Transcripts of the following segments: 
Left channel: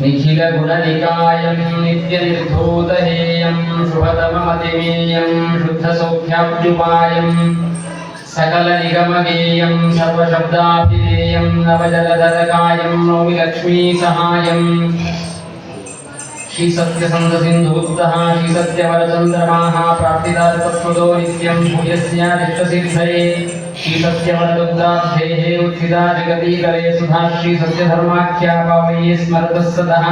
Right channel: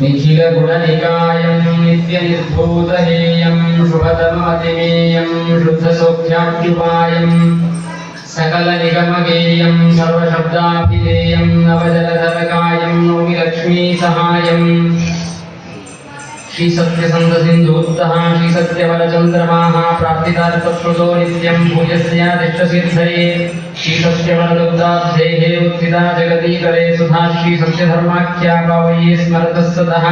निखिलगुणनिकायं नित्यनिर्धूतहेयं शुभतममतिमेयं शुद्धसौख्याप्युपायं सकलनिगमगेयं सर्वशब्दाभिधेयं नवजलधरकायं नौमि लक्ष्मीसहायम् श्री सत्यसन्धसिन्धूत्तः श्री सत्यवरचन्द्रमाः प्रार्थितार्थप्रदो नित्यं भूयस्यादिष्टसिद्धये श्री सत्यवरदुग्धाब्धेः उत्थिता जगदीतले सुधा श्री सत्यधर्माख्या पावये स्मरतः सदः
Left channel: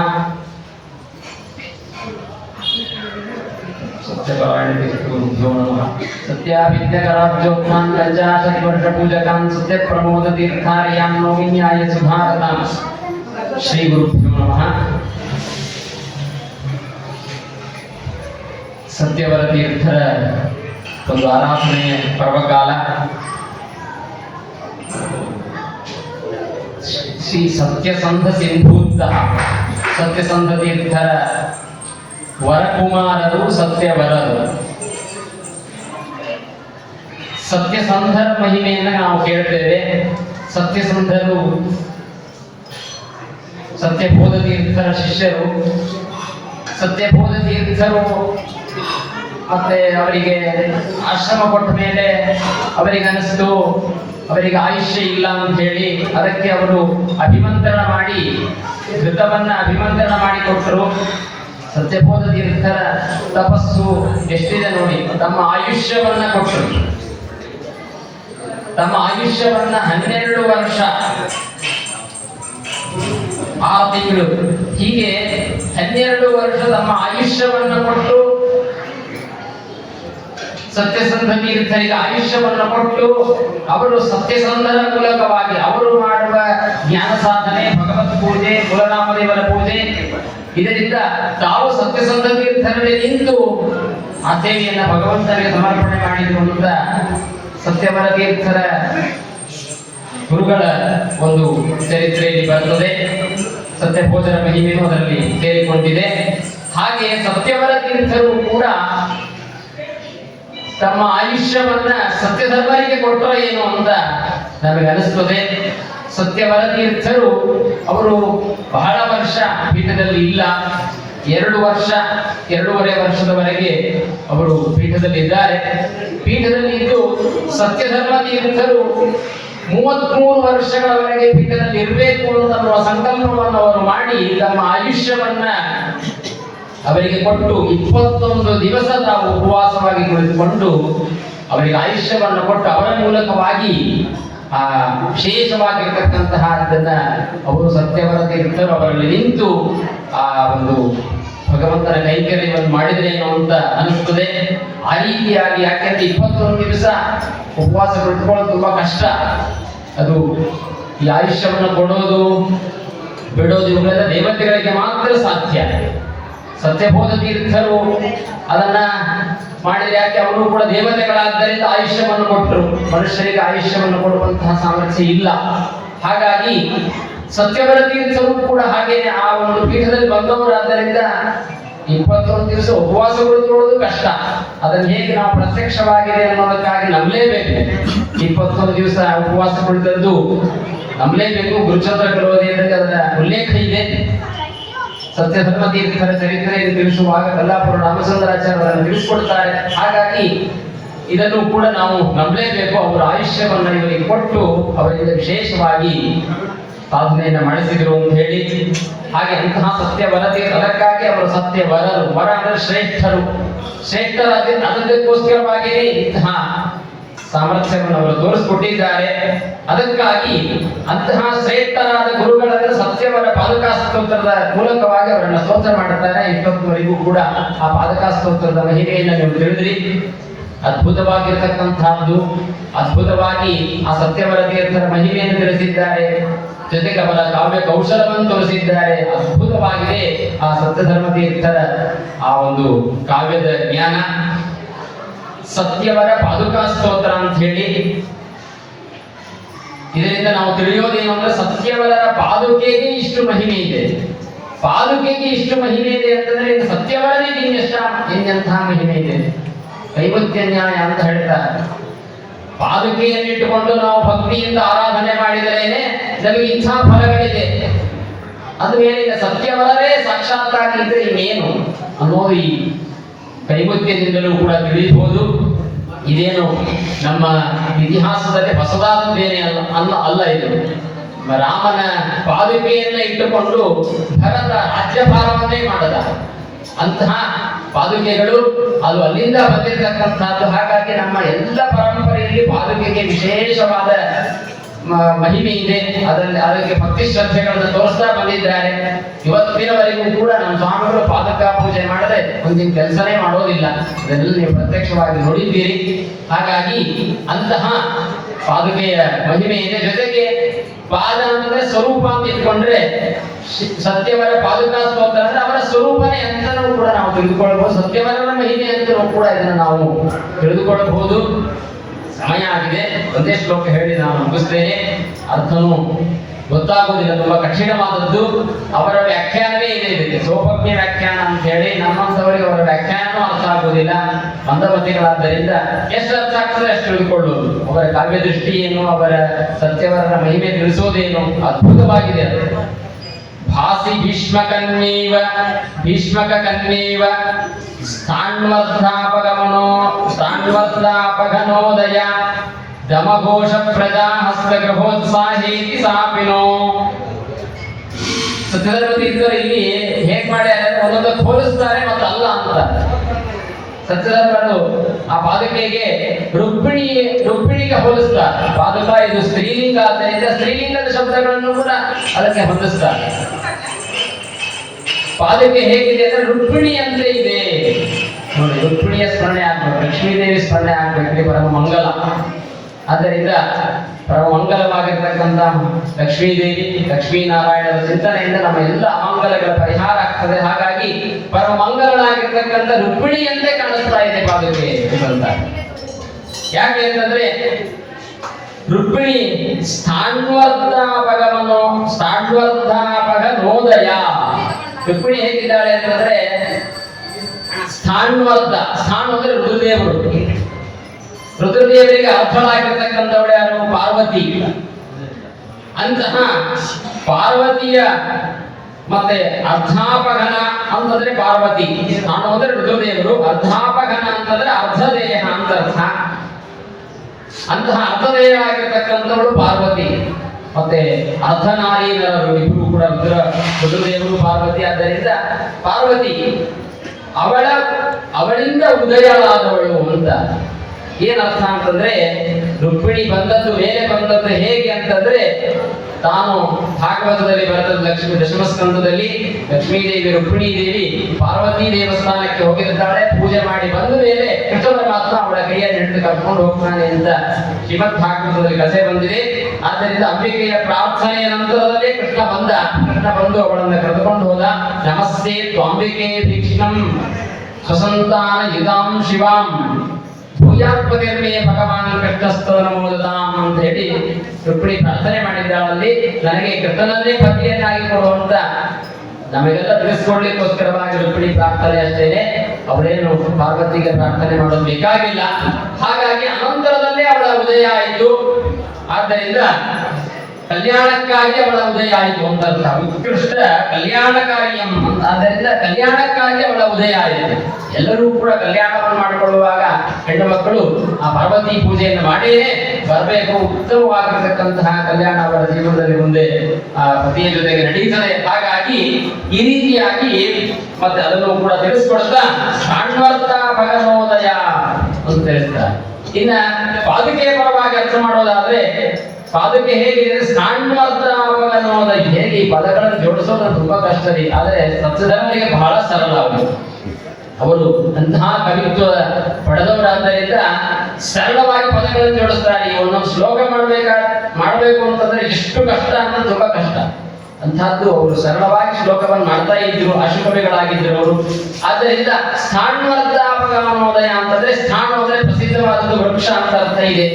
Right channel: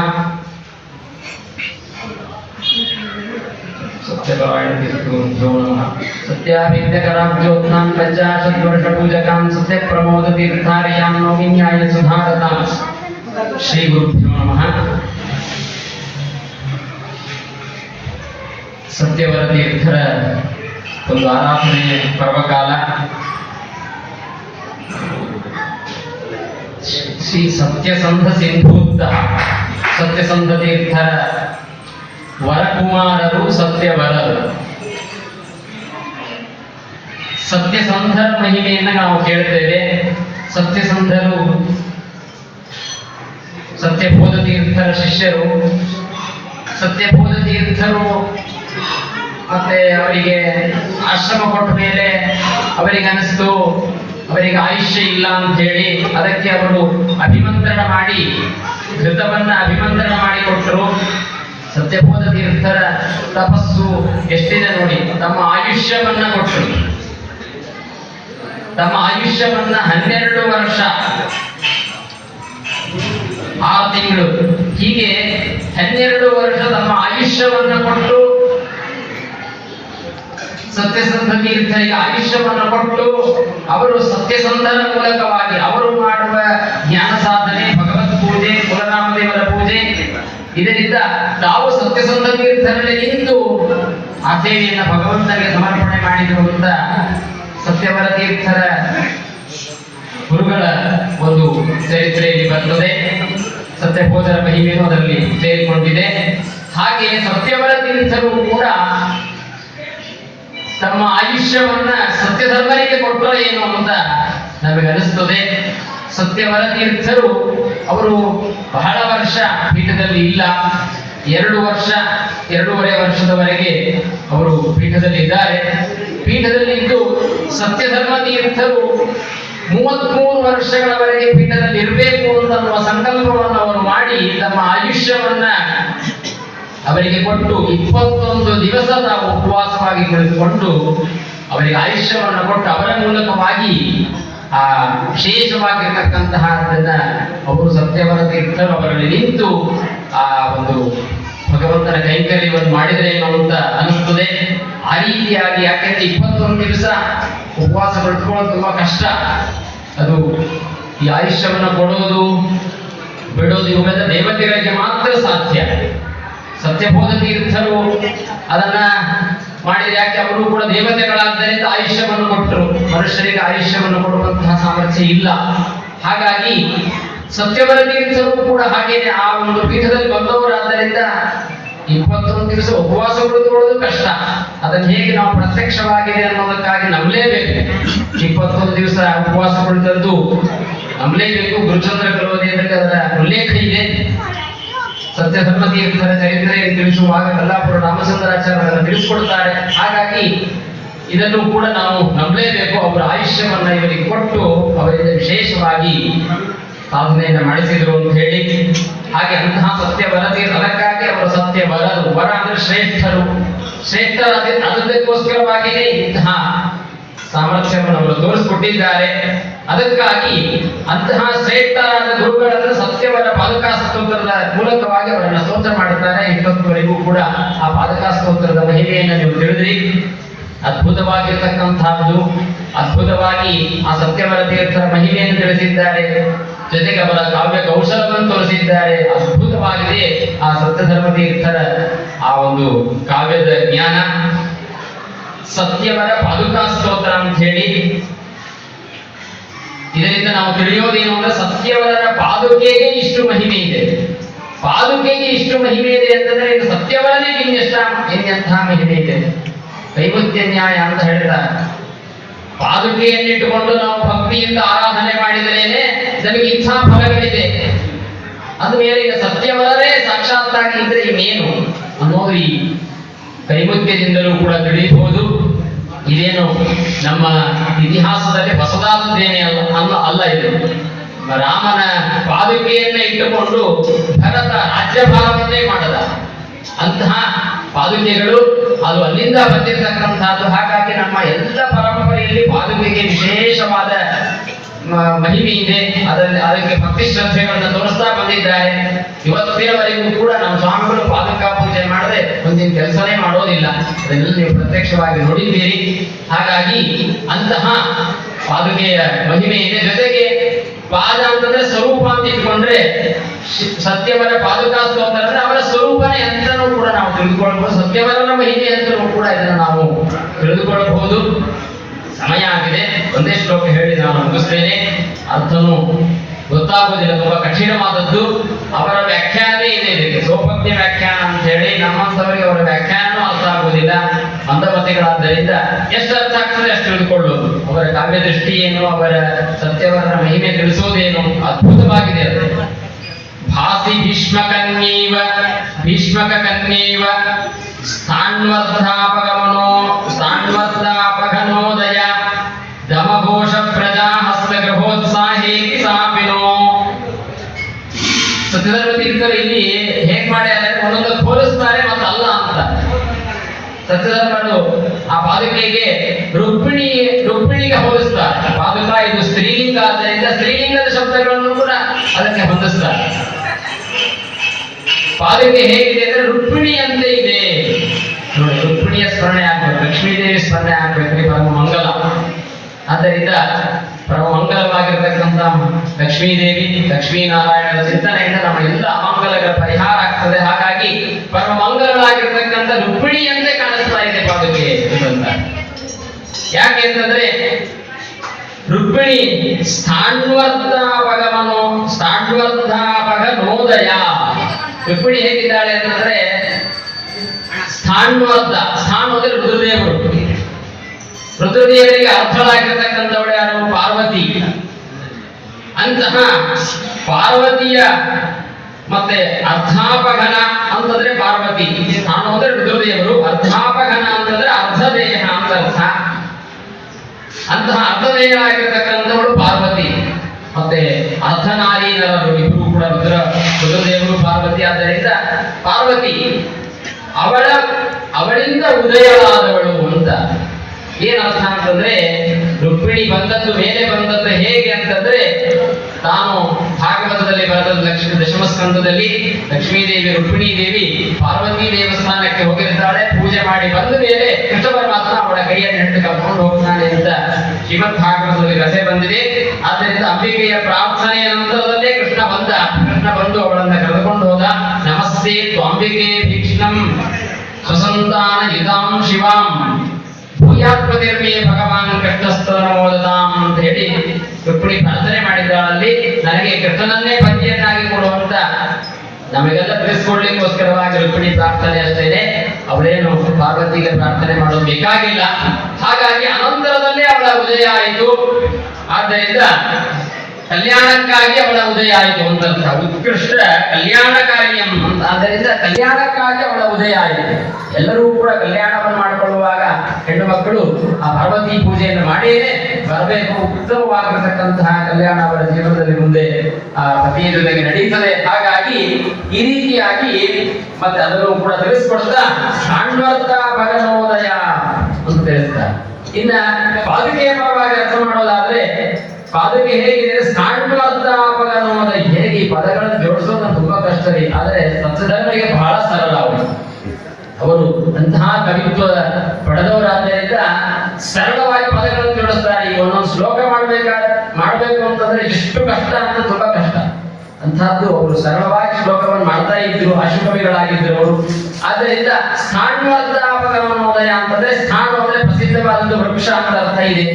सत्यपरायणतीर्थगुरुभ्यो नमः। सत्याभिद्यकराब्जोत्थान् पञ्चाशद्वर्षपूजकान् सत्यप्रमोदतीर्थार्यां नौमि न्यायसुधारतां श्रीगुरुभ्यो नमः। ಸತ್ಯವರತೀರ್ಥರ ಒಂದು ಆರಾಧನೆ ಪರ್ವಕಾಲ. ಶ್ರೀ ಸತ್ಯಸಂಧ ಸಿಂಧೂತ್ತ ಸತ್ಯಸಂಧ ತೀರ್ಥರ ವರಕುಮಾರರು ಸತ್ಯವರರು. ಸತ್ಯಸಂಧರ ಮಹಿಮೆಯನ್ನು ನಾವು ಕೇಳ್ತೇವೆ. ಸತ್ಯಸಂಧರು ಸತ್ಯಬೋಧ ತೀರ್ಥರ ಶಿಷ್ಯರು. ಸತ್ಯಬೋಧ ತೀರ್ಥರು ಮತ್ತೆ ಅವರಿಗೆ ಆಶ್ರಮ ಕೊಟ್ಟ ಮೇಲೆ ಅವರಿಗೆ ಅನಿಸ್ತು ಅವರಿಗೆ ಆಯುಷ್ಯ ಇಲ್ಲ ಅಂತ ಹೇಳಿ ಅದಕ್ಕೆ ಅವರು ಅಭಿಮಂತ್ರಣ ಮಾಡಿ ಘೃತವನ್ನ ಅಭಿಮಂತ್ರಣ ಮಾಡಿ ಕೊಟ್ಟರು. ಸತ್ಯಬೋಧ ತೀರ್ಥರ ತಪಸ್ಸು ಎಷ್ಟಿದೆ ನೋಡಿ. ತಮ್ಮ ಆಯುಷ್ಯವನ್ನ ಕೊಟ್ಟರು. ತಮ್ಮ ಆಯುಷ್ಯವನ್ನ 12 ವರ್ಷ 6 ತಿಂಗಳು ಹೀಗೆ 12 ವರ್ಷ ತಮ್ಮ ಆಯುಷ್ಯವನ್ನು ಕೊಟ್ಟು ಸತ್ಯಸಂಧ ತೀರ್ಥರಿಗೆ ಆಯುಷ್ಯವನ್ನು ಕೊಟ್ಟು ಅವರು ಸತ್ಯಸಂಧರ ಮೂಲಕವಾಗಿ ಅವರು ಮಾಡುವ ಜ್ಞಾನ ಸಾಧನೆ, ಭಗವತ್ ಪೂಜೆ, ಕುಲನಾಮದೇವರ ಪೂಜೆ ಇದರಿಂದ ತಾವು ಸತ್ಯಸಂಧ ತೀರ್ಥರಲ್ಲಿ ನಿಂತು ಆ ಸೇವೆಯನ್ನ ಭಗವಂತನಿಗೆ ಸಮರ್ಪಣೆ ಮಾಡಿದ್ರು ಅಂತ ಸತ್ಯವರ ತೀರ್ಥರ ಗುರುಗಳ ಒಂದು ಚರಿತ್ರೆಯಲ್ಲಿ ಬರ್ತದೆ. ಸತ್ಯಬೋಧರ ಮಹಿಮೆಯೂ ಅದರಲ್ಲಿ ಸೇರಿಕೊಂಡಿದೆ. ಹಾಗೆ ಸತ್ಯವರ ತೀರ್ಥರು ಕೂಡ ತಮ್ಮ ಆಯುಷ್ಯವನ್ನ ಸತ್ಯಧರ್ಮರಿಗೆ ಕೊಟ್ಟರೋ ಏನು ಅಂತ ನಮಗೆ ಅನಿಸ್ತದೆ. ಸತ್ಯವರ ತೀರ್ಥರು ಅವರು ಬಹಳ ವರ್ಷ ಪೀಠದಲ್ಲಿ ಇಲ್ಲ. 2 ವರ್ಷ 2.5 ವರ್ಷದವರೆಗೆ ಅವರು ಪೀಠದಲ್ಲಿ ಇದ್ದಾರೆ. ಪೀಠದಲ್ಲಿ ಇದ್ದು ಸತ್ಯಧರ್ಮ ತೀರ್ಥರು 33 ವರ್ಷಗಳವರೆಗೆ ಪೀಠದಲ್ಲಿ ಇರಬೇಕು ಅನ್ನುವ ಸಂಕಲ್ಪವನ್ನು ಅವರು ಮಾಡಿ ತಮ್ಮ ಆಯುಷ್ಯವನ್ನ ಅವರಿಗೆ ಕೊಟ್ಟು 21 ದಿವಸ ತಾವು ಉಪವಾಸವಾಗಿ ಕುಳಿತುಕೊಂಡು ಅವರಿಗೆ ಆಯುಷ್ಯವನ್ನು ಕೊಟ್ಟು ಅವರ ಮೂಲಕವಾಗಿ ಆ ವಿಶೇಷವಾಗಿರ್ತಕ್ಕಂತಹ ಇದನ್ನ ಅವರು ಸತ್ಯವರ ತೀರ್ಥರು ಅವರಲ್ಲಿ ನಿಂತು ಆ ಒಂದು ಭಗವಂತನ ಕೈಂಕರ್ಯವನ್ನು ಮಾಡಿದ್ರೆ ಏನೋ ಅಂತ ಅನಿಸ್ತದೆ. ಆ ರೀತಿಯಾಗಿ ಯಾಕೆಂದ್ರೆ 21 ದಿವಸ ಉಪವಾಸ ಕುಳಿತುಕೊಳ್ಳೋದು ತುಂಬಾ ಕಷ್ಟ. ಅದು ಈ ಆಯುಷ್ಯವನ್ನು ಕೊಡೋದು ಬಿಡೋದು ಇವುಗಳೆಲ್ಲ ದೇವತೆಗಳಿಗೆ ಮಾತ್ರ ಸಾಧ್ಯ. ಸತ್ಯಬೋಧ ತೀರ್ಥರು ಅದನ್ನ ಮಾಡಿದ್ರೆ ಯಾಕೆ ಅವರು ಕೂಡ ದೇವತೆಗಳಾದ್ದರಿಂದ ಆಯುಷ್ಯವನ್ನು ಕೊಟ್ಟರು. ಮನುಷ್ಯರಿಗೆ ಆಯುಷ್ಯವನ್ನು ಕೊಡುವಂತಹ ಸಾಮರ್ಥ್ಯ ಇಲ್ಲ. ಹಾಗಾಗಿ ಸತ್ಯವರ ತೀರ್ಥರು ಕೂಡ ಹಾಗೇನೆ ಆ ಒಂದು ಪೀಠದಲ್ಲಿ ಬಂದವರಾದ್ದರಿಂದ 21 ದಿವಸ ಉಪವಾಸ ಕುಳಿತುಕೊಳ್ಳೋದು ಕಷ್ಟ. ಅದನ್ನು ಹೇಗೆ ನಾವು ಪ್ರತ್ಯಕ್ಷವಾಗಿದೆ ಅನ್ನೋದಕ್ಕಾಗಿ ನಂಬಲೇಬೇಕು. 21 ದಿವಸ ಉಪವಾಸ ಕುಳಿತದ್ದು ನಂಬಲೇಬೇಕು. ಗುರುಚಂದ್ರ ಕಲೋದಿಯದಲ್ಲಿ ಅದರ ಉಲ್ಲೇಖ ಇದೆ. ಸತ್ಯಧರ್ಮ ತೀರ್ಥರ ಚರಿತ್ರೆಯನ್ನು ತಿಳಿಸುವಾಗ ಕಲ್ಲಾಪುರ ರಾಮಚಂದ್ರಾಚಾರ್ಯರನ್ನು ತಿಳಿಸಿಕೊಡ್ತಾರೆ. ಹಾಗಾಗಿ ಇದನ್ನು ಕೂಡ ನಾವು ನಂಬಲೇಬೇಕು. ಅವರ ಆಯುಷ್ಯವನ್ನ ಇವರಿಗೆ ಕೊಟ್ಟು ಅವರಿಂದ ವಿಶೇಷವಾಗಿ ಸಾಧನೆಯನ್ನು ಮಾಡಿಸಿದ್ರು ಅಂತ ಹೇಳಿ. ಹಾಗೆ ಅಂತಹ ಸತ್ಯವರ ತೀರ್ಥ ಅದಕ್ಕಾಗಿ ಅವರು ಸತ್ಯವರರು. ವರ ಅಂದ್ರೆ ಶ್ರೇಷ್ಠರು. ಶ್ರೇಷ್ಠರ ಅದಕ್ಕೋಸ್ಕರವಾಗಿಯೇ ಇಂತಹ ಸಾಮರ್ಥ್ಯವನ್ನು ಅವರು ತೋರಿಸಿಕೊಟ್ಟಿದ್ದಾರೆ. ಅದಕ್ಕಾಗಿ ಅಂತಹ ಶ್ರೇಷ್ಠರಾದ ಗುರುಗಳನ್ನು ಸತ್ಯವರ ಪಾದುಕಾ ಸ್ತೋತ್ರದ ಮೂಲಕವಾಗಿ ಅವರನ್ನು ಸ್ತೋತ್ರ ಮಾಡುತ್ತಾರೆ. ಇಷ್ಟೊತ್ತುವರೆಗೂ ಕೂಡ ಆ ಪಾದುಕಾ ಸ್ತೋತ್ರದ ಮಹಿಮೆಯನ್ನು ನೀವು ತಿಳಿದ್ರಿ. ಅದ್ಭುತವಾಗಿರ್ತಕ್ಕಂಥದ್ದು. ಅದ್ಭುತವಾಗಿ ಆ ಸತ್ಯವರ ತೀರ್ಥರ ಮಹಿಮೆಯನ್ನು ತಿಳಿಸಿದ್ದಾರೆ. ಜೊತೆಗೆ ಅವರ ಕಾವ್ಯ ಕೌಶಲವನ್ನು ತೋರಿಸಿದ್ದಾರೆ. ಅದ್ಭುತವಾಗಿದೆ ಆ ಸತ್ಯಧರ್ಮ ತೀರ್ಥರ ಆ ಒಂದು ಕಾವ್ಯದ ಜ್ಞಾನ. ಸತ್ಯವರ ಪಾದುಕಾ ಸ್ತೋತ್ರ ಅಂತ ಹೇಳಿ ಇದರಿಂದ ನಾವು ತಿಳಿಯೋದೇನು ಅಂದ್ರೆ ಸತ್ಯವರರ ಪಾದುಕೆಗೆ ಇಷ್ಟು ಮಹಿಮೆ ಇದೆ. ಪಾದುಕೆಗೆ ಇಷ್ಟು ಮಹಿಮೆ ಇದೆ ಅಂತಂದ್ರೆ ಇನ್ನು ಸತ್ಯವರನಿಗೆ ಇನ್ನೆಂತಹ ಮಹಿಮೆ ಇದೆ. ಕೈವಲ್ಯ ನ್ಯಾಯ ಅಂತ ಹೇಳ್ತಾರೆ. ಪಾದುಕೆಯನ್ನಿಟ್ಟುಕೊಂಡು ನಾವು ಭಕ್ತಿಯಿಂದ ಆರಾಧನೆ ಮಾಡಿದರೇನೆ ನಮಗೆ ಇಂಥ ಫಲಗಳಿದೆ. ಅಂದಮೇಲೆ ಈಗ ಸತ್ಯವರೇ ಸಾಕ್ಷಾತ್ತಾಗಿ ಇದ್ರೆ ಇನ್ನೇನು ಅನ್ನೋದು ಈ ಕೈಮುಖ್ಯದಿಂದಲೂ ಕೂಡ ತಿಳಿಯಬಹುದು. ಇದೇನು ನಮ್ಮ ಇತಿಹಾಸದಲ್ಲಿ ಹೊಸದಾದದ್ದೇನೆ ಅಲ್ಲ ಇದು. ರಾಮನ ಪಾದುಕೆಯನ್ನ ಇಟ್ಟುಕೊಂಡು ಭರತ ರಾಜ್ಯಭಾರವನ್ನೇ ಮಾಡದ ಅಂತಹ ಪಾದುಕೆಗಳು ಅದು ಅಲ್ಲಿಂದ ಬಂದಿರತಕ್ಕಂಥದ್ದು. ಹಾಗಾಗಿ ನಮ್ಮ ಎಲ್ಲ ಪರಂಪರೆಯಲ್ಲಿ ಪಾದುಕೆಗೆ ವಿಶೇಷವಾದ ಮಹಿಮೆ ಇದೆ. ಅದಕ್ಕೆ ಭಕ್ತಿ ಶ್ರದ್ಧೆಗಳನ್ನು ತೋರಿಸ್ತಾ ಬಂದಿದ್ದಾರೆ. ಇವತ್ತಿನವರೆಗೂ ಕೂಡ ನಮ್ಮ ಸ್ವಾಮಿಗಳು ಪಾದುಕಾ ಪೂಜೆ ಮಾಡದೆ ಒಂದಿನ ಕೆಲಸನೇ ಮಾಡೋದಿಲ್ಲ. ಅದೆಲ್ಲ ನೀವು ಪ್ರತ್ಯಕ್ಷವಾಗಿ ನೋಡಿದ್ದೀರಿ. ಹಾಗಾಗಿ ಅಂತಹ ಪಾದುಕೆಯ ಮಹಿಮೆ ಇದೆ. ಜೊತೆಗೆ ಪಾದ ಅಂತಂದ್ರೆ ಸ್ವರೂಪ ಅಂತ ಇಟ್ಕೊಂಡ್ರೆ ಸತ್ಯವರ ಪಾದುಕಾ ಸ್ತೋತ್ರ ಅಂದ್ರೆ ಅವರ ಸ್ವರೂಪನೇ ಅಂತನೂ ಕೂಡ ನಾವು ತಿಳಿದುಕೊಳ್ಳಬಹುದು. ಸತ್ಯವರನ ಮಹಿಮೆ ಅಂತನೂ ಕೂಡ ಇದನ್ನು ನಾವು ತಿಳಿದುಕೊಳ್ಳಬಹುದು. ಸಮಯ ಆಗಿದೆ, ಒಂದೇ ಶ್ಲೋಕ ಹೇಳಿ ನಾನು ಮುಗಿಸ್ತೇನೆ. ಅರ್ಥನೂ ಗೊತ್ತಾಗುವುದಿಲ್ಲ, ತುಂಬಾ ಕಠಿಣವಾದದ್ದು. ಅವರ ವ್ಯಾಖ್ಯಾನವೇ ಇದೆ ಇದಕ್ಕೆ, ಸೋಪಜ್ಞ ವ್ಯಾಖ್ಯಾನ ಅಂತ ಹೇಳಿ. ನಮ್ಮಂತವರಿಗೆ ಅವರ ವ್ಯಾಖ್ಯಾನವೂ ಅರ್ಥ ಆಗುವುದಿಲ್ಲ, ಮಂದಮತಿಗಳಾದ್ದರಿಂದ. ಎಷ್ಟು ಅರ್ಥ ಆಗ್ತದೆ ಅಷ್ಟು ತಿಳಿದುಕೊಳ್ಳುವುದು. ಅವರ ಕಾವ್ಯ ದೃಷ್ಟಿ ಏನು, ಅವರ ಸತ್ಯವರ ಮಹಿಮೆ ತಿಳಿಸೋದೇನು ಅದ್ಭುತವಾಗಿದೆ ಅದು. ಭಾಸಿ ಭೀಷ್ಮಕನ್ಯೈವ ಸ್ಥಾಣ್ವರ್ಧಾಪಗನೋದಯ ದಮಘೋಷ ಪ್ರಜಾ ಹಸ್ತಗೃಹೋತ್ಸಾಹಿ ಸಾಪಿನೋ. ಸತ್ಯಧರ್ಮ ತೀರ್ಥರು ಇಲ್ಲಿ ಹೇಗ್ ಮಾಡ್ಯಾರೆ, ಒಂದೊಂದು ಹೋಲಿಸ್ತಾರೆ ಮತ್ತು ಅಲ್ಲ ಅಂತ. ಸತ್ಯಧರ್ಮರು ಆ ಪಾದುಕೆಗೆ ರುಕ್ಮಿಣಿಗೆ ಹೋಲಿಸ್ತಾರೆ. ಪಾದುಕ ಇದು ಸ್ತ್ರೀಲಿಂಗ ಆದ್ದರಿಂದ ಸ್ತ್ರೀಲಿಂಗದ ಶಬ್ದಗಳನ್ನು ಕೂಡ ಅದಕ್ಕೆ ಹೊಂದಿಸ್ತಾರೆ. ಪಾದುಕೆ ಹೇಗಿದೆ ಅಂದ್ರೆ ರುಕ್ಮಿಣಿ ಅಂತ ಇದೆ ನೋಡಿ. ರುಕ್ಮಿಣಿಯ ಸ್ಮರಣೆ ಆಗ್ಬೇಕು, ಲಕ್ಷ್ಮೀದೇವಿ ಸ್ಮರಣೆ ಆಗ್ಬೇಕು, ಪರಮ ಮಂಗಲ. ಆದ್ದರಿಂದ ಪರಮ ಮಂಗಲವಾಗಿರ್ತಕ್ಕಂಥ ಲಕ್ಷ್ಮೀದೇವಿ ಲಕ್ಷ್ಮೀನಾರಾಯಣರ ಚಿಂತನೆಯಿಂದ ನಮ್ಮ ಎಲ್ಲ ಅಮಂಗಲಗಳ ಪರಿಹಾರ ಆಗ್ತದೆ. ಹಾಗಾಗಿ ಪರಮ ಮಂಗಲಗಳಾಗಿರ್ತಕ್ಕಂಥ ರುಕ್ಮಿಣಿಯಂತೆ ಕಾಣಿಸ್ತಾ ಇದೆ ಪಾದುಕೆ ಅಂತ. ಯಾಕೆ ಅಂತಂದ್ರೆ ರುಕ್ಮಿಣಿ ಸ್ಥಾಣ್ವರ್ಧಾಪಗನೋದಯ. ರುಕ್ಮಿಣಿ ಹೇಗಿದ್ದಾಳೆ ಅಂತಂದ್ರೆ ಸ್ಥಾಣ್ವರ್ಧ. ಸ್ಥಾಣ ಅಂದ್ರೆ ರುದ್ರದೇವರು. ರುದ್ರದೇವರಿಗೆ ಅರ್ಥಳಾಗಿರ್ತಕ್ಕಂಥವಳು ಯಾರು? ಪಾರ್ವತಿ. ಅಂತಹ ಪಾರ್ವತಿಯ ಮತ್ತೆ ಅರ್ಧಾಪಘನ ಅಂತಂದ್ರೆ ಪಾರ್ವತಿ. ಸ್ಥಾಣ ಅಂದ್ರೆ ರುದ್ರದೇವರು, ಅರ್ಧಾಪಘನ ಅಂತಂದ್ರೆ ಅರ್ಧದೇಹ ಅಂತ ಅರ್ಥ. ಅಂತಹ ಅರ್ಧದೇಹರಾಗಿರ್ತಕ್ಕಂಥವಳು ಪಾರ್ವತಿ. ಮತ್ತೆ ಅರ್ಧನಾರೀನರರು ಇಬ್ಬರು ಕೂಡ ರುದ್ರದೇವರು ಪಾರ್ವತಿ. ಆದ್ದರಿಂದ ಪಾರ್ವತಿ ಅವಳಿಂದ ಉದಯಳಾದವಳು ಅಂತ. ಏನರ್ಥ ಅಂತಂದ್ರೆ ರುಕ್ಮಿಣಿ ಬಂದದ್ದು ಮೇಲೆ ಬಂದದ್ದು ಹೇಗೆ ಅಂತಂದ್ರೆ, ತಾನು ಭಾಗವತದಲ್ಲಿ ಬರೆದ ದಶಮಸ್ಕಂದದಲ್ಲಿ ಲಕ್ಷ್ಮೀದೇವಿ ರುಕ್ಮಿಣೀ ದೇವಿ ಪಾರ್ವತಿ ದೇವಸ್ಥಾನಕ್ಕೆ ಹೋಗಿರ್ತಾಳೆ. ಪೂಜೆ ಮಾಡಿ ಬಂದ ಮೇಲೆ ಕೃಷ್ಣ ಪರಮಾತ್ಮ ಅವಳ ಕೈಯಲ್ಲಿ ಹಿಡಿದು ಕರ್ಕೊಂಡು ಹೋಗ್ತಾನೆ ಅಂತ ಶ್ರೀಮದ್ ಭಾಗವತದಲ್ಲಿ ಕಥೆ ಬಂದಿದೆ. ಆದ್ದರಿಂದ ಅಂಬಿಕೆಯ ಪ್ರಾರ್ಥನೆಯ ನಂತರದಲ್ಲೇ ಕೃಷ್ಣ ಬಂದು ಅವಳನ್ನು ಕರೆದುಕೊಂಡು ಹೋದ. ನಮಸ್ತೆ ತ್ವಾಂಬಿಕೆ ಭೀಕ್ಷ್ಣಂ ಸ್ವಸಂತಾನ ಯುತಾಂ ಶಿವಾಂ ಭೂಯಾತ್ಮತಿರ್ಮೇ ಭಗವಾನ್ ಕೃಷ್ಣಸ್ಥ ನಮೋದತಾಂ ಅಂತ ಹೇಳಿ ರುಕ್ಮಿಣಿ ಪ್ರಾರ್ಥನೆ ಮಾಡಿದ್ದಾಳಲ್ಲಿ. ನನಗೆ ಕೃಷ್ಣನನ್ನೇ ಪತಿಯನ್ನಾಗಿ ಕೊಡುವಂತ ನಮಗೆಲ್ಲ ತಿಳಿಸ್ಕೊಡ್ಲಿಕ್ಕೋಸ್ಕರವಾಗಿ ರುಕ್ಮಿಣಿ ಪ್ರಾರ್ಥನೆ ಅಷ್ಟೇನೆ. ಅವಳೇನು ಪಾರ್ವತಿಗೆ ಪ್ರಾರ್ಥನೆ ಮಾಡೋದು ಬೇಕಾಗಿಲ್ಲ. ಹಾಗಾಗಿ ಅನಂತರದಲ್ಲೇ ಅವಳ ಉದಯ ಆಯಿತು. ಆದ್ದರಿಂದ ಕಲ್ಯಾಣಕ್ಕಾಗಿ ಅವಳ ಉದಯ ಆಯಿತು ಅಂತ ಉತ್ಕೃಷ್ಟ ಕಲ್ಯಾಣಕಾರ್ಯಂ. ಆದ್ದರಿಂದ ಕಲ್ಯಾಣಕ್ಕಾಗಿ ಅವಳ ಉದಯ ಆಯಿತು. ಎಲ್ಲರೂ ಕೂಡ ಕಲ್ಯಾಣವನ್ನು ಮಾಡಿಕೊಳ್ಳುವಾಗ ಹೆಣ್ಣು ಮಕ್ಕಳು ಆ ಪಾರ್ವತಿ ಪೂಜೆಯನ್ನು ಮಾಡಿಯೇ ಬರಬೇಕು. ಉತ್ತಮವಾಗಿರತಕ್ಕಂತಹ ಕಲ್ಯಾಣ ಅವರ ಜೀವನದಲ್ಲಿ ಮುಂದೆ ಆ ಪತಿಯ ಜೊತೆಗೆ ನಡೀತದೆ. ಹಾಗಾಗಿ ಈ ರೀತಿಯಾಗಿ ಮತ್ತೆ ಅದನ್ನು ಕೂಡ ತಿಳಿಸ್ಕೊಡ್ತಾ ಭಗನೋದಯ ಅಂತ ತಿಳಿಸ್ತಾರೆ. ಇನ್ನ ಪಾದುಕೆಯ ಪರವಾಗಿ ಅರ್ಥ ಮಾಡೋದಾದ್ರೆ ಪಾದುಕೆ ಹೇಗಿದೆ? ಸ್ಥಾಣ್ವರ್ಧಾಪಗನೋದಯ. ಹೇಗೆ ಈ ಪದಗಳನ್ನು ಜೋಡಿಸೋದು ತುಂಬಾ ಕಷ್ಟ ರೀ. ಆದ್ರೆ ಸತ್ಯಧರ್ಮರಿಗೆ ಬಹಳ ಸರಳ. ಅವರು ಅಂತಹ ಕವಿತ್ವ ಪಡೆದವರಾದ್ದರಿಂದ ಸರಳವಾಗಿ ಪದಗಳನ್ನು ಜೋಡಿಸ್ತಾರೆ. ಈ ಒಂದೊಂದು ಶ್ಲೋಕ ಮಾಡಬೇಕು ಅಂತಂದ್ರೆ ಎಷ್ಟು ಕಷ್ಟ ಅಂತ ತುಂಬಾ ಕಷ್ಟ. ಅಂತಹದ್ದು ಅವರು ಸರಳವಾಗಿ ಶ್ಲೋಕವನ್ನು ಮಾಡ್ತಾ ಇದ್ರು, ಅಶುಕವಿಗಳಾಗಿದ್ರು ಅವರು. ಆದ್ದರಿಂದ ಸ್ಥಾಣ್ವರ್ಧಾಪಗನೋದಯ ಅಂತಂದ್ರೆ ಸ್ಥಾಣ ಅಂದ್ರೆ ಪ್ರಸಿದ್ಧವಾದದ್ದು ವೃಕ್ಷ ಅಂತ ಅರ್ಥ ಇದೆ.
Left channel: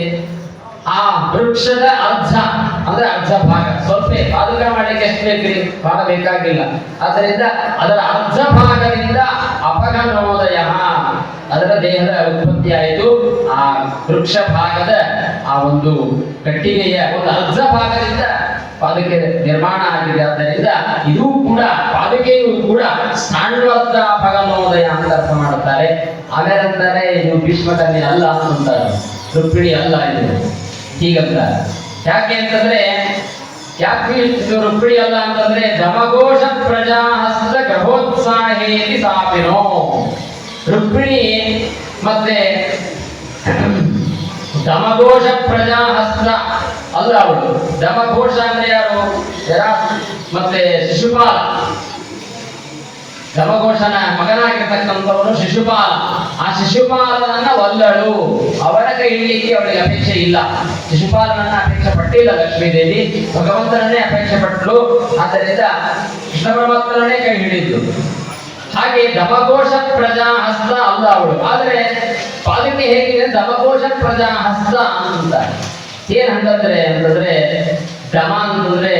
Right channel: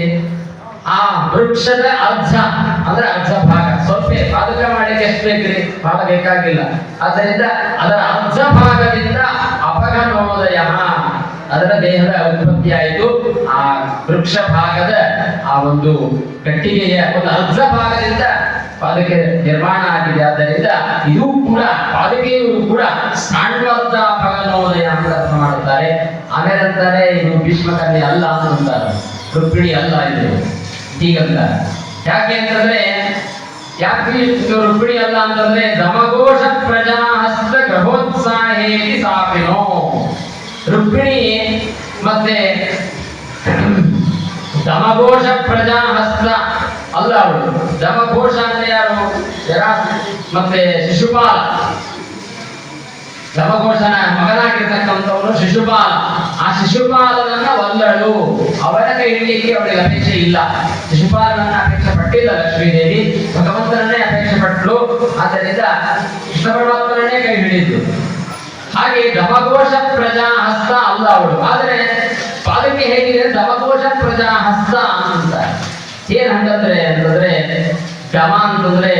ಆ ವೃಕ್ಷದ ಅರ್ಧ ಅಂದ್ರೆ ಅರ್ಧ ಭಾಗ, ಸ್ವಲ್ಪ ಪಾದುಕ ಮಾಡಲಿಕ್ಕೆ ಎಷ್ಟು ಬೇಕ್ರಿ? ಬಹಳ ಬೇಕಾಗಿಲ್ಲ. ಆದ್ದರಿಂದ ಅದರ ಅರ್ಧ ಭಾಗದಿಂದ ಅಪಗನೋದಯ, ಅದರ ದೇಹದ ಉತ್ಪತ್ತಿ ಆಯಿತು. ಆ ವೃಕ್ಷ ಭಾಗದ ಆ ಒಂದು ಕಟ್ಟಿಗೆಯ ಒಂದು ಅರ್ಧ ಭಾಗದಿಂದ ಪಾದುಕೆ ನಿರ್ಮಾಣ ಆಗಿದೆ. ಆದ್ದರಿಂದ ಇದು ಕೂಡ ಪಾದುಕೆಯು ಕೂಡ ಸಾಂಡ್ವರ್ಧ ಭಗನೋದಯ ಅಂತ ಅರ್ಥ ಮಾಡುತ್ತಾರೆ. ಆಮೇಲೆ ಅಂತಾರೆ ಇದು ಭೀಷ್ಮಕನ್ಯೆ ಅಲ್ಲ ಅಂತಾರೆ, ರುಕ್ಮಿಣಿ ಅಲ್ಲ ಇದು ಹೀಗಂತ. ಯಾಕೆ ಅಂತಂದ್ರೆ ಯಾಕೆ ರುಕ್ಮಿಣಿ ಅಲ್ಲ ಅಂತಂದ್ರೆ ದಮಘೋಷ ಪ್ರಜಾಹಸ್ತ ಗ್ರಹೋತ್ಸಾಹೇತಿ ಸಾಪಿನೋ. ರುಕ್ಮಿಣಿ ಮತ್ತೆ ದಮಘೋಷ ಪ್ರಜಾಹಸ್ತ ಅಲ್ಲ ಅವಳು. ದಮಘೋಷ ಅಂದ್ರೆ ಯಾರು? ಮತ್ತೆ ಶಿಶುಪಾಲ, ದಮಘೋಷನ ಮಗನಾಗಿರ್ತಕ್ಕಂಥವನು ಶಿಶುಪಾಲ. ಆ ಶಿಶುಪಾಲನನ್ನ ಒಲ್ಲಳು, ಅವನ ಕೈ ಹಿಡಿಲಿಕ್ಕೆ ಅವಳಿಗೆ ಅಪೇಕ್ಷೆ ಇಲ್ಲ. ಶಿಶುಪಾಲನನ್ನ ಅಪೇಕ್ಷೆ ಪಟ್ಟಿಲ್ಲ ಲಕ್ಷ್ಮೀದೇವಿ, ಭಗವಂತನನ್ನೇ ಅಪೇಕ್ಷೆ ಪಟ್ಟಳು. ಆದ್ದರಿಂದ ಕೃಷ್ಣ ಪರಮಾತ್ಮನನ್ನೇ ಕೈ ಹಿಡಿದು. ಹಾಗೆ ದಮಘೋಷ ಪ್ರಜಾಹಸ್ತ ಅಲ್ಲ ಅವಳು. ಆದ್ರೆ ಪಾದಕ್ಕೆ ಹೇಗಿದೆ? ದಮಘೋಷ ಪ್ರಜಾಹಸ್ತ ಅಂತ. ಏನ್ ಅಂತಂದ್ರೆ ದಮ ಅಂತಂದ್ರೆ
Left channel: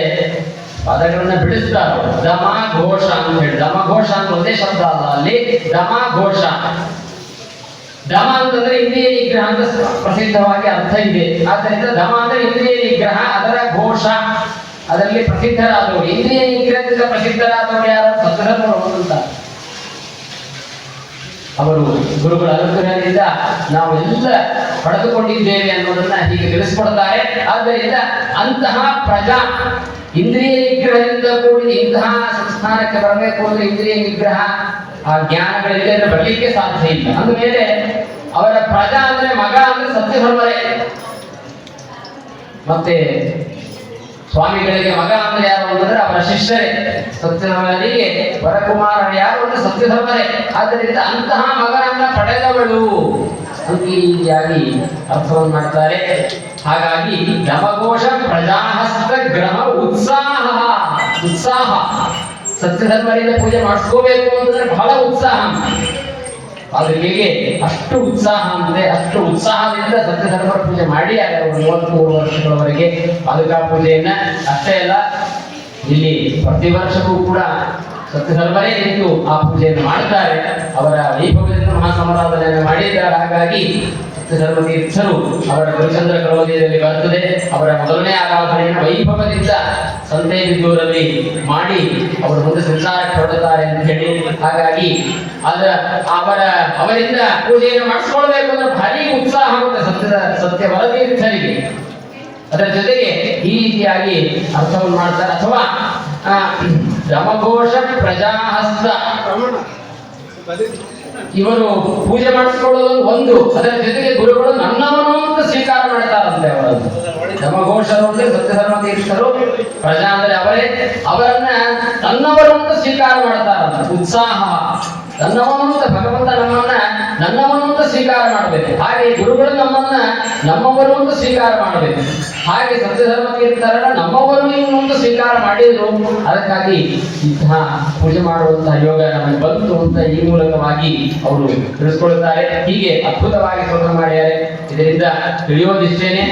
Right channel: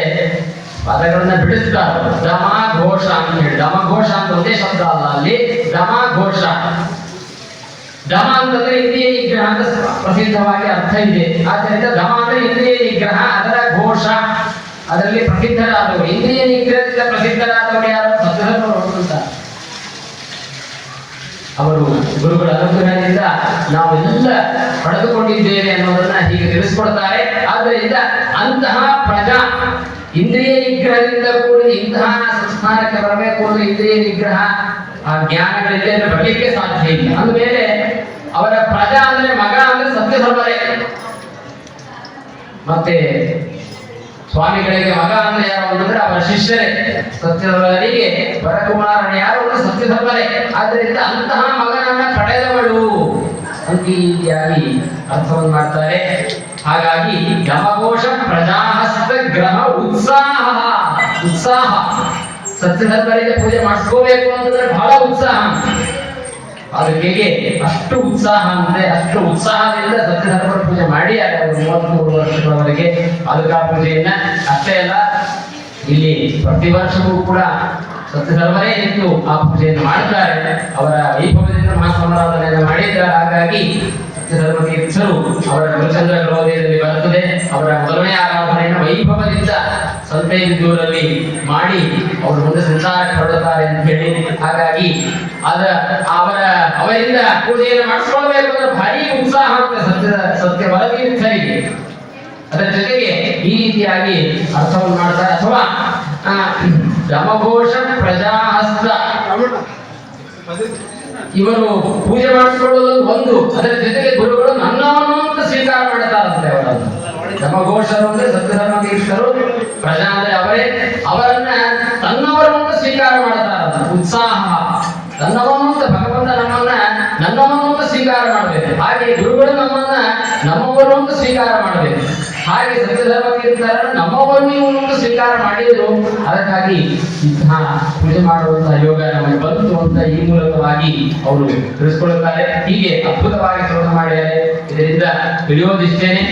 ಪದಗಳನ್ನ ಬಿಡಿಸ್ತಾರೆ. ದಮ ಘೋಷ ಅಂತ ಹೇಳಿ, ದಮಘೋಷ ಅಂತ ಒಂದೇ ಶಬ್ದ ಅಲ್ಲ ಅಲ್ಲಿ, ದಮ ಘೋಷ. ದಮ ಅಂತಂದ್ರೆ ಇಂದ್ರಿಯ ನಿಗ್ರಹ ಅಂತ ಪ್ರಸಿದ್ಧವಾಗಿ ಅರ್ಥ ಇದೆ. ಆದ್ದರಿಂದ ದಮ ಅಂದ್ರೆ ಇಂದ್ರಿಯ ನಿಗ್ರಹ, ಅದರ ಘೋಷ, ಅದರಲ್ಲಿ ಪ್ರಸಿದ್ಧರಾದವರು. ಇಂದ್ರಿಯ ನಿಗ್ರಹದಿಂದ ಪ್ರಸಿದ್ಧರಾದವರು ಯಾರು? ಸತ್ಯಧರ್ಮರು ಅಂತ. ಅವರು ಗುರುಗಳ ಅನುಗ್ರಹದಿಂದ ನಾವು ಪಡೆದುಕೊಂಡಿದ್ದೇವೆ ಅನ್ನೋದನ್ನ ಹೀಗೆ ತಿಳಿಸ್ಕೊಡ್ತಾರೆ. ಆದ್ದರಿಂದ ಅಂತಹ ಪ್ರಜಾ ಇಂದ್ರಿಯ ನಿಗ್ರಹದಿಂದ ಕೂಡಿ ಇಂತಹ ಸಂಸ್ಥಾನಕ್ಕೆ ಬರಬೇಕು ಅಂದ್ರೆ ಇಂದ್ರಿಯ ನಿಗ್ರಹ ಆ ಜ್ಞಾನಗಳಿಂದ ಬರಲಿಕ್ಕೆ ಸಾಧ್ಯ ಇಲ್ಲ. ಅಂದಮೇಲೆ ಅವರ ಪ್ರಜಾ ಅಂದ್ರೆ ಮಗ ಅಂದ್ರೆ ಸತ್ಯಧರ್ಮರೇ. ಮತ್ತೆ ಸ್ವಾಮಿಗಳಿಗೆ ಮಗ ಅಂದ್ರೆ ಯಾರು ಅಂತಂದ್ರೆ ಅವರ ಶಿಷ್ಯರೇ. ಸತ್ಯಧರ್ಮರಿಗೆ ವರಕುಮಾರನ ಯಾರು ಅಂದ್ರೆ ಸತ್ಯಧರ್ಮರೇ. ಆದ್ದರಿಂದ ಅಂತಹ ಮಗನನ್ನ ಪಡೆದವಳು ಅಂತ ಈ ರೀತಿಯಾಗಿ ಅರ್ಥವನ್ನು ಮಾಡ್ತಾರೆ. ಹಾಗಾಗಿ ದಮಘೋಷ ಪ್ರಜಾಹಸ್ತ ಗ್ರಹ ಉತ್ಸಾಹ ಸತ್ಯಧರ್ಮರಿಂದ ಪೂಜೆ ಮಾಡಿಸ್ಕೋಬೇಕು ಅಂತಂದ್ರೆ ಬಹಳ ಉತ್ಸಾಹ. ಅದಕ್ಕೆ ಅಷ್ಟು ಉತ್ಸಾಹ ಅಂದ್ರೆ ಅಷ್ಟು ಉತ್ಸಾಹದಿಂದ ಸತ್ಯಧರ್ಮರ ಪೂಜೆ ಮಾಡಿ ಅವರು 33 ವರ್ಷಗಳವರೆಗೆ ಪಾದುಕಾ ಪೂಜೆಯನ್ನ. ಅಷ್ಟೇ ಅಲ್ಲ, ಇಲ್ಲಿ ಪ್ರತಿ ವರ್ಷವೂ ಕೂಡ ಸತ್ಯಧರ್ಮರೇ ನಿಂತು ಆ ಪೂಜೆಯನ್ನು ಮಾಡ್ತಾರೆ. ಅವರ ವೈಭವದಿಂದ ಮಹಾಸಮಾರಾಧನೆಯನ್ನು ಮಾಡಿದ್ದಾರೆ. ಹಾಗಾಗಿ ಸತ್ಯಧರ್ಮ ತೀರ್ಥರು ಅವರ ಗುರುಚಂದ್ರ ಕಲೋದಯದಲ್ಲಿ ಬರುತ್ತದೆ. ಅವರ ಮೊದಲನೇ ಆರಾಧನೆಯನ್ನು ವೈಭವದಿಂದ ಸಂತೈದೂರಲ್ಲಿ ಮಾಡಿ ಅವರು ಮುಂದೆ ಸಂಚಾರಕ್ಕೆ ಹೊರಡುತ್ತಾರೆ ಅಂತ ಹೇಳಿ. ಹಾಗಾಗಿ ಅವರಿಂದ ಪೂಜೆಯನ್ನು ಮಾಡಿಸ್ಕೊಳ್ಬೇಕು ಅಂದ್ರೆ ಭಾರಿ ಉತ್ಸಾಹ ಆಗುತ್ತೆ ಸತ್ಯ ವರತೀರ್ಥರಿಗೆ. ಅದರ ಜೊತೆಗೆ ಈ ರೀತಿಯಾಗಿ ಅರ್ಥವನ್ನು ಮಾಡ್ತಾರೆ. ಅಥವಾ ದಮಘೋಷ ಪ್ರಜಾಹಸ್ತ ಇವರು ಪೂಜೆ ಮಾಡಿಸ್ಕೊಳ್ಳೋದು ಒಂದು, ಅದರ ಜೊತೆಗೆ ಗುರುಗಳು ನನ್ನವನು ಅಂತ ಸ್ವೀಕಾರ ಮಾಡ್ತಾರಂತೆ ಅವರನ್ನು. ದಮಘೋಷರು ಅಂದ್ರೆ ಸತ್ಯಧರ್ಮ ತೀರ್ಥರು, ಪ್ರಜಾ ಅಂದ್ರೆ ಅವರೇ, ಅವರನ್ನ ತನ್ನವರು ಅಂತ ಸ್ವೀಕಾರ ಮಾಡ್ತಾರಂತೆ. ಉತ್ಸಾಹ ನನ್ನವನು ಅಂತ ಭಗವಂತ ನನ್ನವನು ಅಂತ ಸ್ವೀಕಾರ ಮಾಡಬೇಕು. ಹಾಗೆ ಗುರುಗಳು ನಮ್ಮವರು ಅಂತ ಸ್ವೀಕಾರ ಮಾಡಬೇಕು. ಹಾಗೆ ಸತ್ಯಧರ್ಮ ತೀರ್ಥರ ನಮ್ಮವರು ಇವನು ಅಂತ ಸ್ವೀಕಾರ ಮಾಡಿದ್ರು. ಅದಕ್ಕಾಗಿ ಇಂತಹ ಪೂಜೆ ಮಾಡುವಂತಹ ಯೋಗ ನಮಗೆ ಬಂತು ಅಂತ ಈ ಮೂಲಕವಾಗಿ ಅವರು ತಿಳಿಸ್ಕೊಳ್ತಾರೆ. ಹೀಗೆ ಅದ್ಭುತವಾಗಿ ಶೋಧ ಮಾಡಿದ್ದಾರೆ. ಇದರಿಂದ ತಿಳಿಯೋದಿಷ್ಟೇನೆ,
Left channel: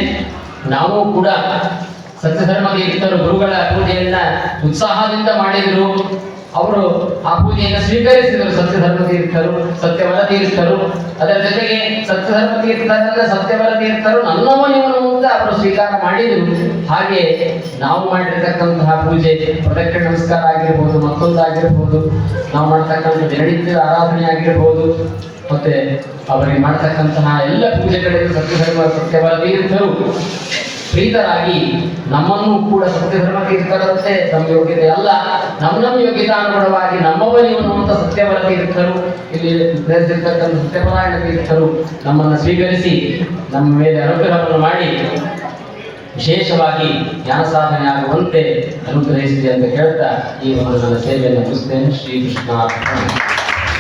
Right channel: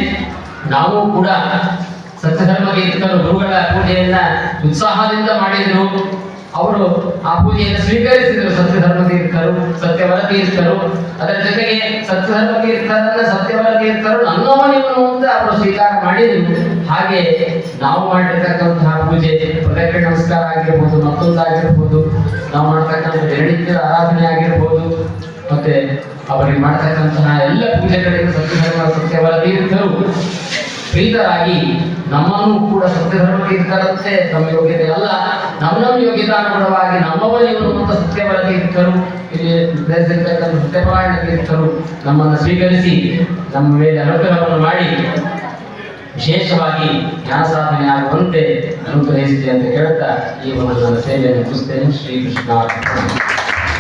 ನಾವು ಕೂಡ ಸತ್ಯಧರ್ಮ ತೀರ್ಥರು ಗುರುಗಳ ಪೂಜೆಯನ್ನ ಉತ್ಸಾಹದಿಂದ ಮಾಡಿದ್ರು. ಅವರು ಆ ಪೂಜೆಯನ್ನು ಸ್ವೀಕರಿಸಿದರು ಸತ್ಯಧರ್ಮ ತೀರ್ಥರು, ಸತ್ಯವರ ತೀರ್ಥರು. ಅದರ ಜೊತೆಗೆ ಸತ್ಯಧರ್ಮ ಸತ್ಯವರ ತೀರ್ಥರು ನನ್ನವನಿವನು ಅಂತ ಅವರು ಸ್ವೀಕಾರ ಮಾಡಿದರು. ಹಾಗೆ ನಾವು ಮಾಡಿರ್ತಕ್ಕಂತಹ ಪೂಜೆ ಪ್ರದಕ್ಷಿಣೆ ನಮಸ್ಕಾರ ಆಗಿರ್ಬೋದು, ಮತ್ತೊಂದಾಗಿರ್ಬೋದು, ನಾವು ಮಾಡ್ತಕ್ಕಂಥ ದಿನನಿತ್ಯದ ಆರಾಧನೆ ಆಗಿರ್ಬೋದು, ಮತ್ತೆ ಅವರಿಗೆ ಮಾಡ್ತಕ್ಕಂತಹ ಎಲ್ಲ ಪೂಜೆಗಳಿಗೂ ಸತ್ಯವರ ತೀರ್ಥರು ಪ್ರೀತರಾಗಿ ನಮ್ಮನ್ನು ಕೂಡ ಸತ್ಯಧರ್ಮ ತೀರ್ಥರಂತೆ ನಮ್ಮ ಯೋಗ್ಯತೆ ಅಲ್ಲ, ನಮ್ಮ ಯೋಗ್ಯತಾನುಗುಣವಾಗಿ ನಮ್ಮವನಿವನು ಅಂತ ಸತ್ಯವರ ತೀರ್ಥರು, ಇಲ್ಲಿ ಬೆಳೆದಿರ್ತಕ್ಕಂಥ ಸತ್ಯಪರಾಯಣ ತೀರ್ಥರು ನಮ್ಮನ್ನು ಸ್ವೀಕರಿಸಿ ನಮ್ಮ ಮೇಲೆ ಅನುಗ್ರಹವನ್ನು ಮಾಡಿ ವಿಶೇಷವಾಗಿ ಜ್ಞಾನ ಸಾಧನೆ ಆಗುವಂತೆ ಅನುಗ್ರಹಿಸಿದೆ ಅಂತ ಹೇಳ್ತಾ ಈ ಒಂದು ನನ್ನ ಸೇವೆಯನ್ನು ಮುಗಿಸ್ತೇನೆ. ಶ್ರೀಕೃಷ್ಣ.